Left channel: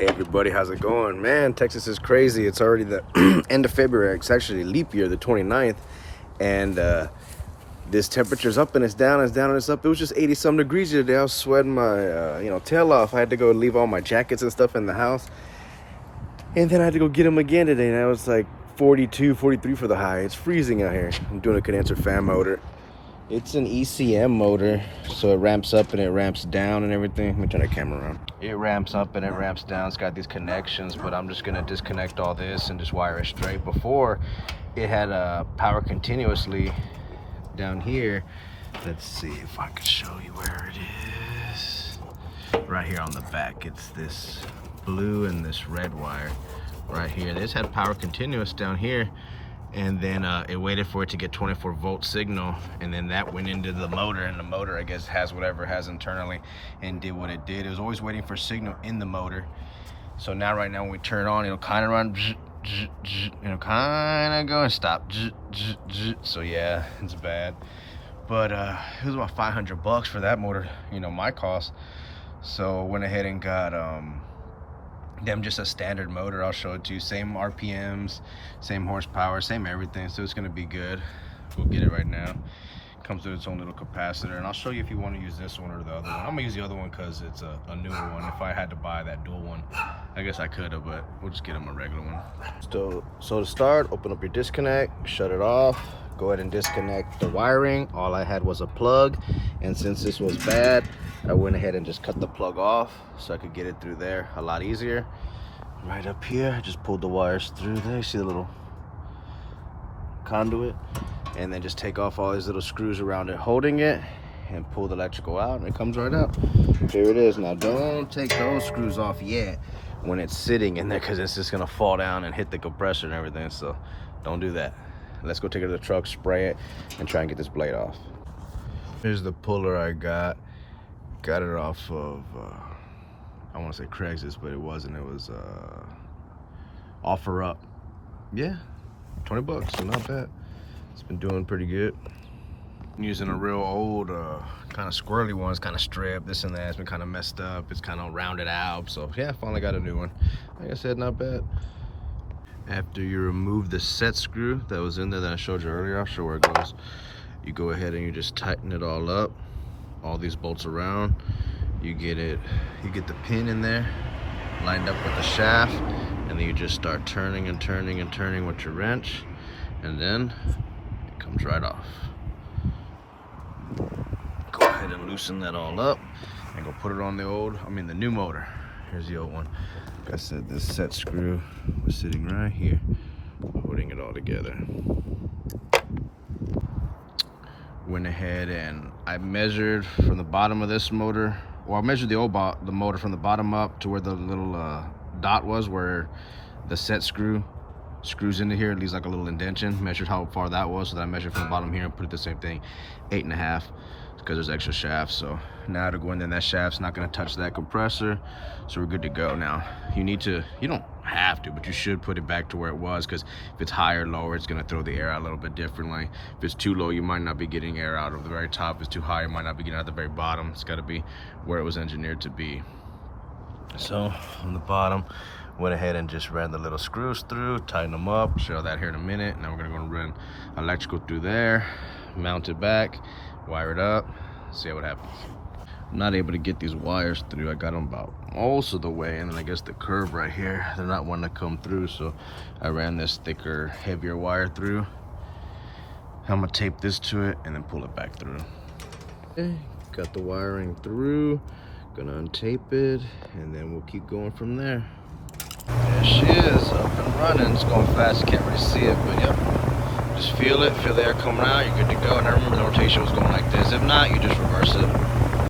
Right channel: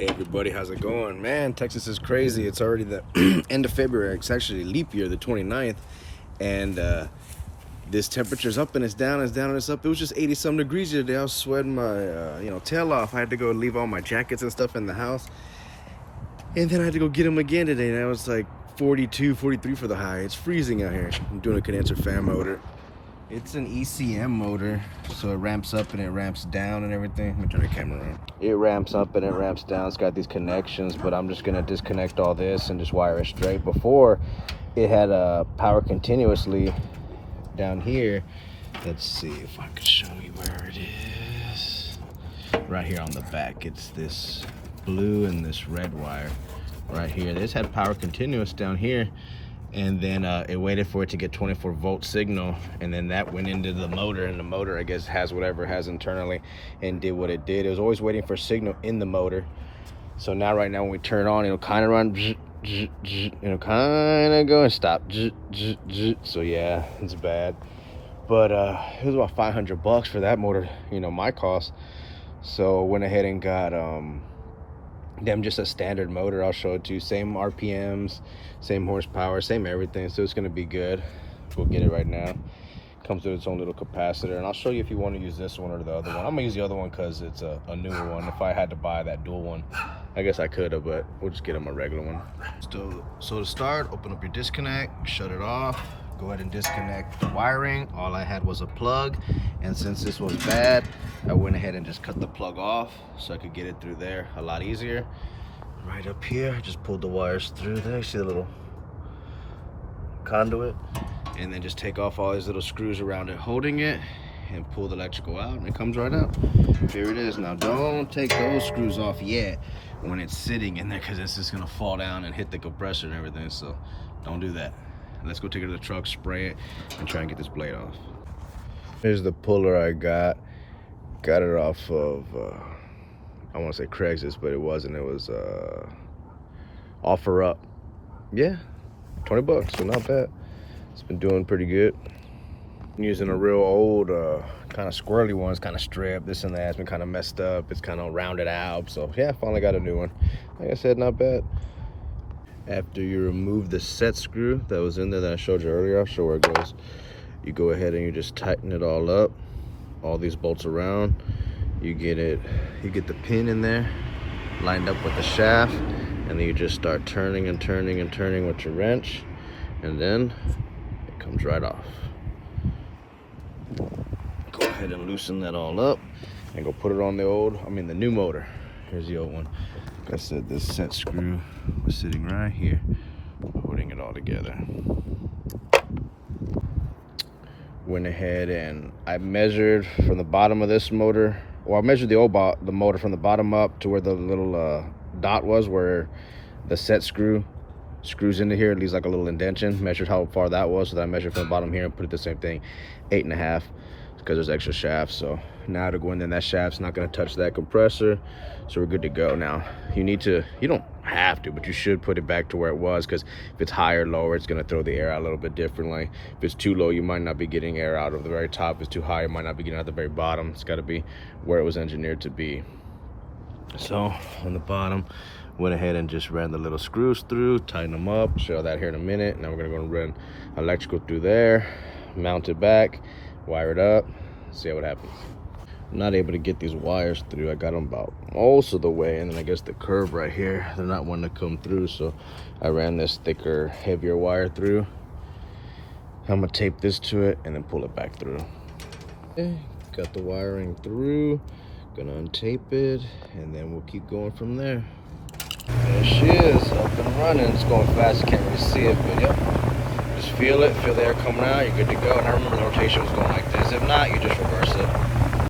Hey everybody, how's it going? Man, Texas is crazy. It's already the end of February. It's actually leap year, the 29th. And this temperature's up and it's down, it's down and it's up. It was just 80 some degrees today. I was sweating my tail off. I had to go leave all my jackets and stuff in the house. And then I had to go get them again today. And I was like 42, 43 for the high. It's freezing out here. I'm doing a condenser fan motor. It's an ECM motor, so it ramps up and it ramps down and everything. Let me turn that camera around. It ramps up and it ramps down. It's got these connections, but I'm just gonna disconnect all this and just wire it straight. Before, it had power continuously down here. Let's see if I can show you where it is. Right here on the back, it's this blue and this red wire right here. This had power continuous down here. And then it waited for it to get 24-volt signal, and then that went into the motor, and the motor, I guess, has whatever it has internally and did what it did. It was always waiting for signal in the motor. So now right now when we turn it on, it'll kind of run, it'll kind of go and stop. So yeah, it's bad. But it was about 500 bucks for that motor, my cost. So went ahead and got them just a standard motor. I'll show it to you. Same RPMs, same horsepower, same everything. So it's gonna be good. We'll get it right now. Comes with its own little capacitor, and I'll show you if you want to use this one or the other one. I'm gonna use the other one because it's a newer one. If I had to buy that dual one, I guess I could have, but we'll just get them a regular one. So to start, open up your disconnect, shut it off, go ahead and disconnect the wiring. All I had was a plug, and since this was bad, I went ahead and just cut the plug off so I could get it through there a lot easier. Right up here, I just pulled the wires through there. See the little conduit? And then just take off all these little screws around it holding it and pull the electrical out, and it comes right out. Here it is. Now don't take those screws off yet when it's sitting in there, because it's just gonna fall down and hit the compressor and everything, so don't do that. Let's go take it to the truck, spray it, and try and get this blade off. Here's the puller I got. Got it off of, I want to say Craigslist, but it wasn't. It was Offer Up. Yeah, 20 bucks, so not bad. It's been doing pretty good. I'm using a real old, kind of squirrely one. It's kind of stripped, this and that. It's been kind of messed up. It's kind of rounded out. So yeah, finally got a new one. Like I said, not bad. After you remove the set screw that was in there that I showed you earlier, I'll show where it goes. You go ahead and you just tighten it all up, all these bolts around. You get the pin in there, lined up with the shaft, and then you just start turning and turning and turning with your wrench, and then it comes right off. Go ahead and loosen that all up and go put it on the new motor. Here's the old one. Like I said, this set screw was sitting right here, holding it all together. Went ahead and I measured from the bottom of this motor, or I measured the motor from the bottom up to where the little dot was, where the set screws into here. It leaves like a little indentation. Measured how far that was, so that I measured from the bottom here and put it the same thing, 8.5, because there's extra shafts. So now to go in there, that shaft's not going to touch that compressor, so we're good to go. Now you don't have to, but you should put it back to where it was, because if it's higher or lower, it's going to throw the air out a little bit differently. If it's too low, you might not be getting air out of the very top. If it's too high, you might not be getting out the very bottom. It's got to be where it was engineered to be. So on the bottom, went ahead and just ran the little screws through, tighten them up. Show that here in a minute. Now we're going to go and run electrical through there, mount it back, wire it up, see what happens. I'm not able to get these wires through. I got them about most of the way, and then I guess the curve right here, they're not wanting to come through, so I ran this thicker, heavier wire through. I'm gonna tape this to it and then pull it back through. Okay, got the wiring through, gonna untape it, and then we'll keep going from there. There she is, up and running. It's going fast, you can't really see it, but yep. Just feel the air coming out, you're good to go. And I remember the rotation was going like this. If not, you just reverse it.